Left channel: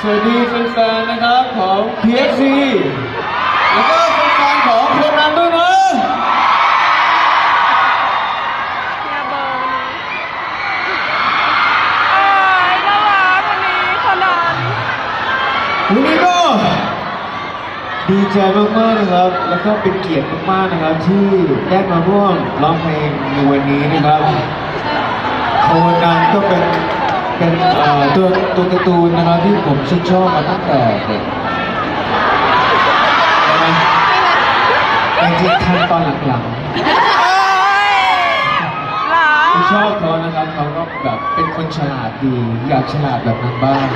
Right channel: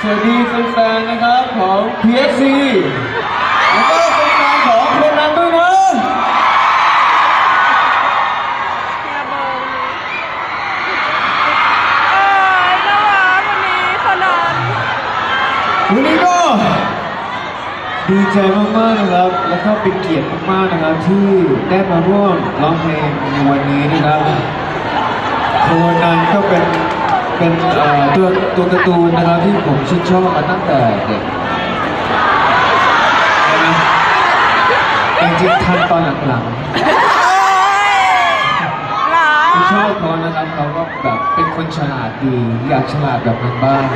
สวัสดีแฟนๆนะครับของ PFC แล้วก็แฟนๆของโคนันด้วยนะเฮียเบอร์นี้โอ้ยน่ารักวันนี้คนนั้นวันนี้ก็ดีใจมากๆนะครับ แล้วก็เป็นเกียรติมากๆนะครับ ที่ได้มาร่วมร้องเพลงในวันนี้นะครับ โคนันก็เป็น เป็นเอ่อตัวตัวการ์ตูนนะครับที่ผมชื่นชอบมาตั้งแต่เด็กใช่ไหมแต่จริงๆทันตอนหลังๆโอ้ยหลาที่ชอบเขานะครับเขาก็แบบเป็นคนฉลาดดีอยากฉลาดแบบนั้นบ้าง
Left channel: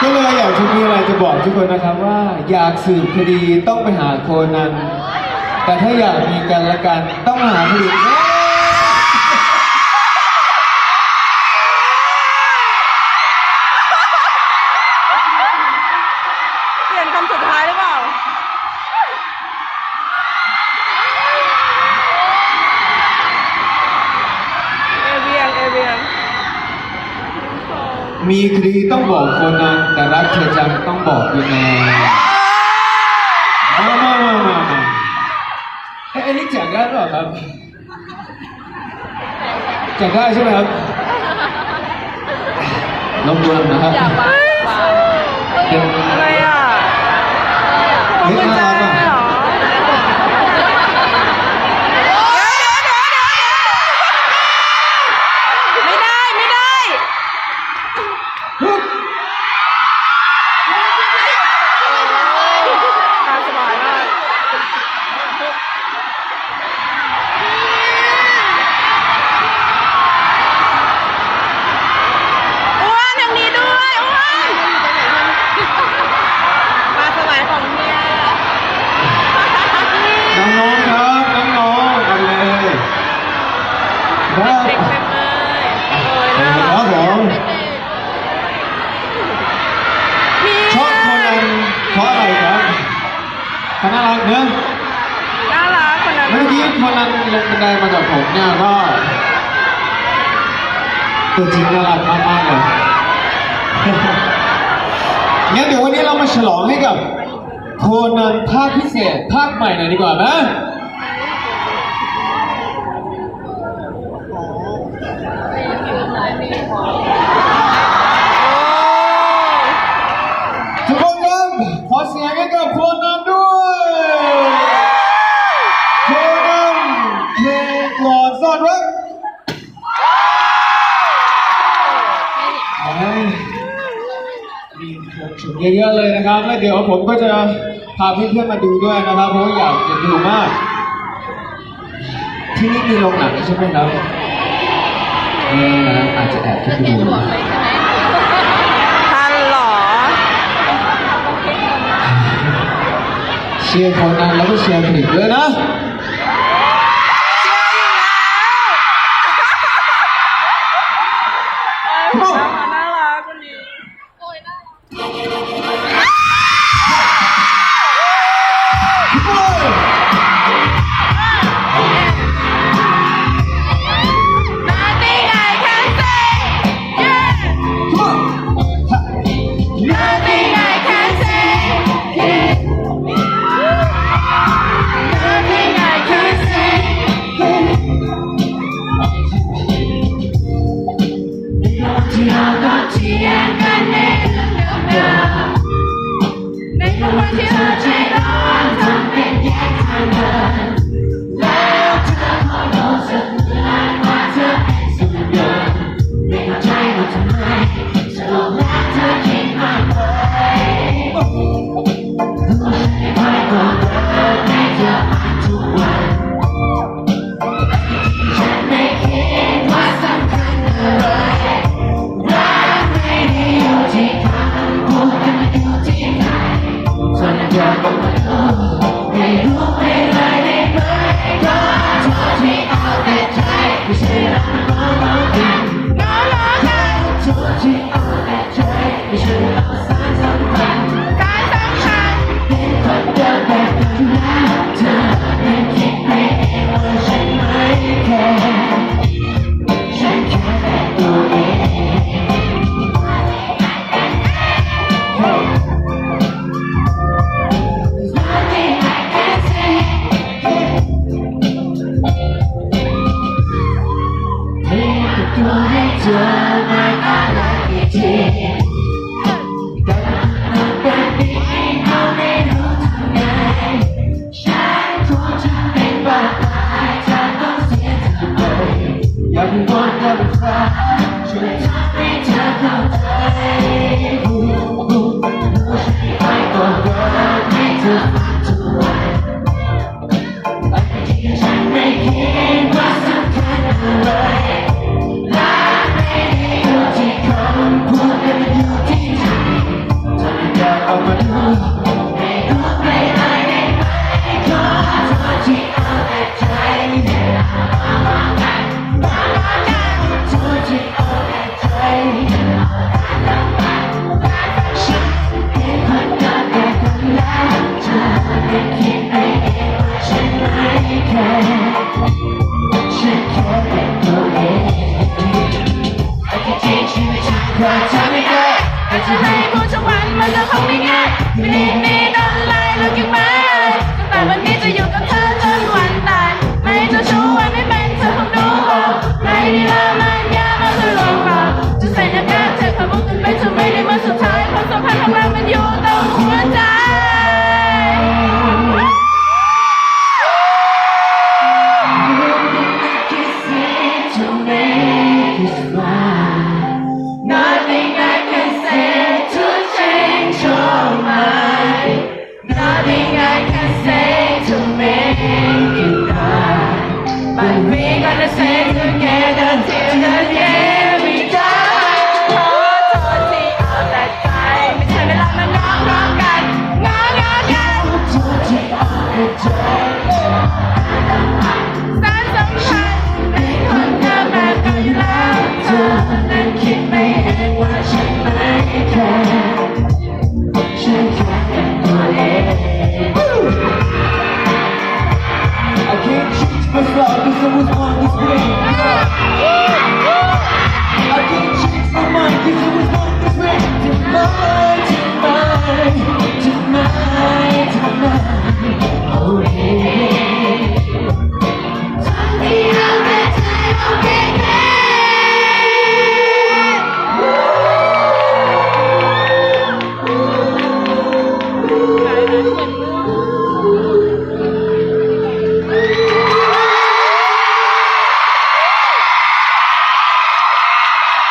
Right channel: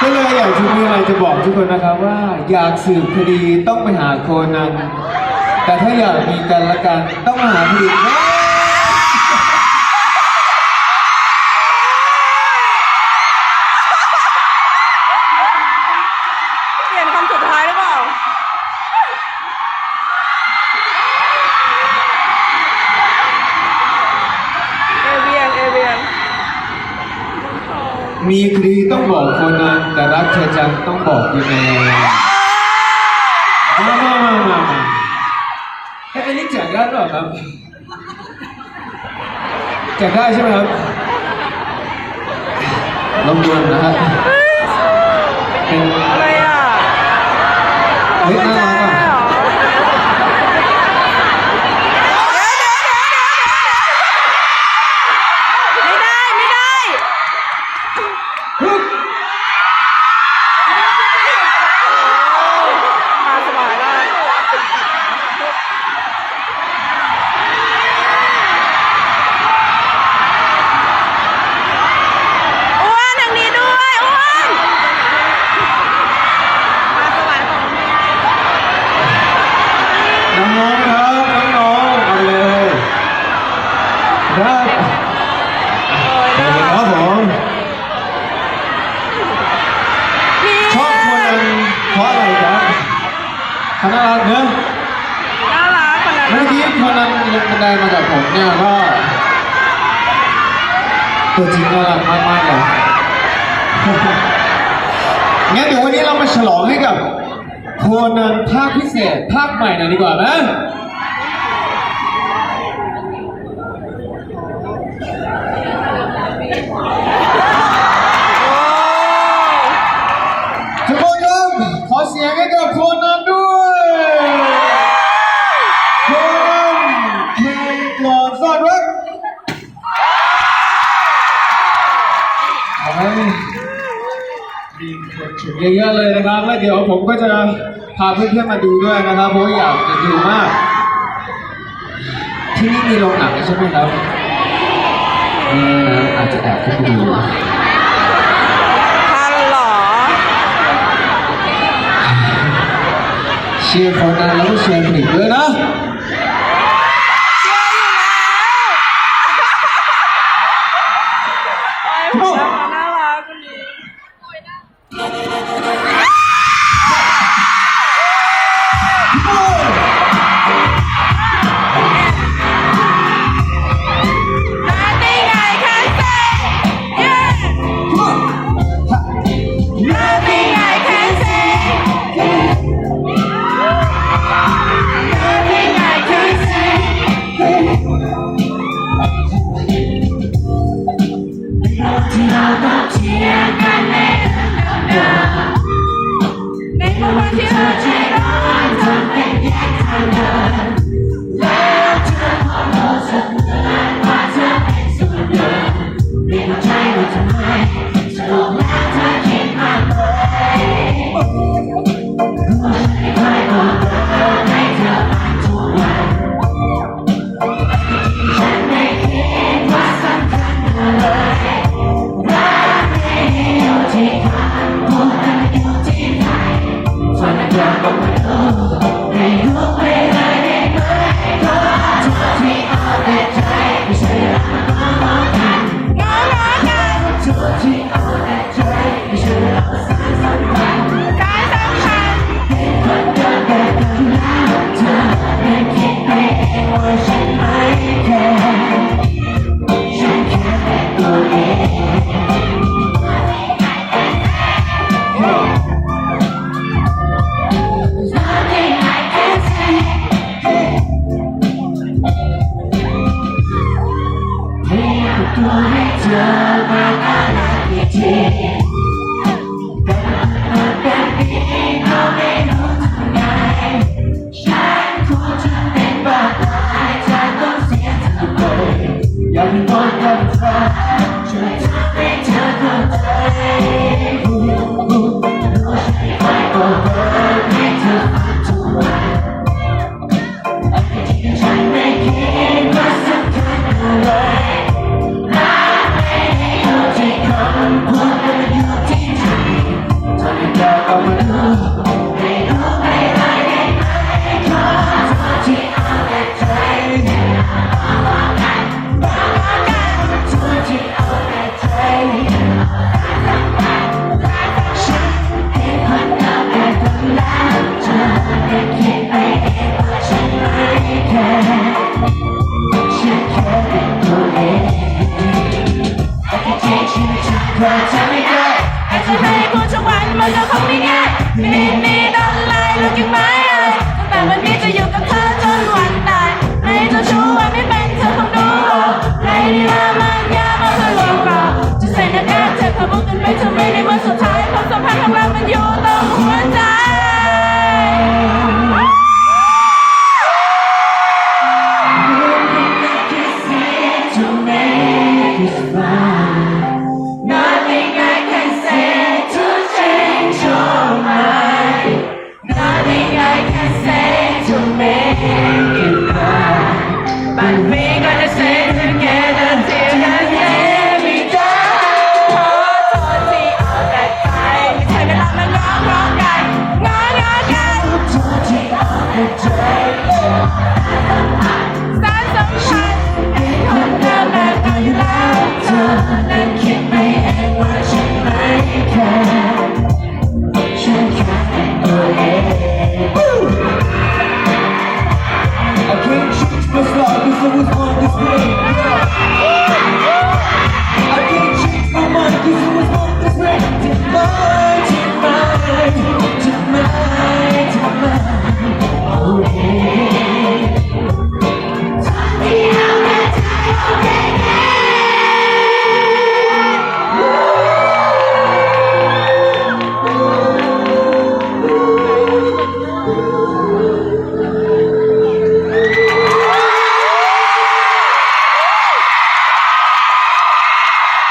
ก็เลยอยากจะมีอะไรจะบอกทุกคนนะครับว่า อยากสืบคดีต้องไปหาโคนัน แต่ถ้าอยากมีกันละกันต้องมาหาคดีนะเปลี่ยนคำสุดท้ายหรือเปล่า เอเวียง เอเวียงน้องทองมีคดีต้องบอกโคนันแต่รักเธอจังต้องบอกยังไงมามามามามาเอ้ยอันนี้แจกได้หรอครับแจกได้ใช่ไหมครับลองดูนะฮะเป็นอะไรอะพวงกุญแจเครับเอ้ยน่าครับกผมพี่ชอบคนเพราะอะไรครับเขาน่ารักเนอะน่ารักคนนั้นเมื่อกี้รักคนนั้นลงบันไดมากับผมเนี่ยก็ตัวจริงน่ารักมากๆเลยงั้นเดี๋ยววันนี้เรามาฉลองให้กับโคนันภาคพิเศษภาคใหม่หน่อยดีกว่านะ มีคนชมเยอะๆเลยนะครับแล้วเดี๋ยวผมก็จะพาเพื่อนๆมาดูด้วยนะครับเพราะว่าอยากจะดูมาก ที่นี่มีโรงหนังใช่ไหมครับเอออาจจะแอบขึ้นไปดูทันเหรอ เชียร์โคนันแล้วก็เชียร์ผลิตด้วยนะ เจอมานานรทีแต่คนแบบนี้ก็ไม่รู้ไมฉันคงจะเป็นบ้าตายฉันต้องเสียเธอไปอย่าเพิ่นอย่ทำให้ เธอจะไม่ไดอาจจะให้พูดทุกวันมันก็ขงไม่ง่ายไม่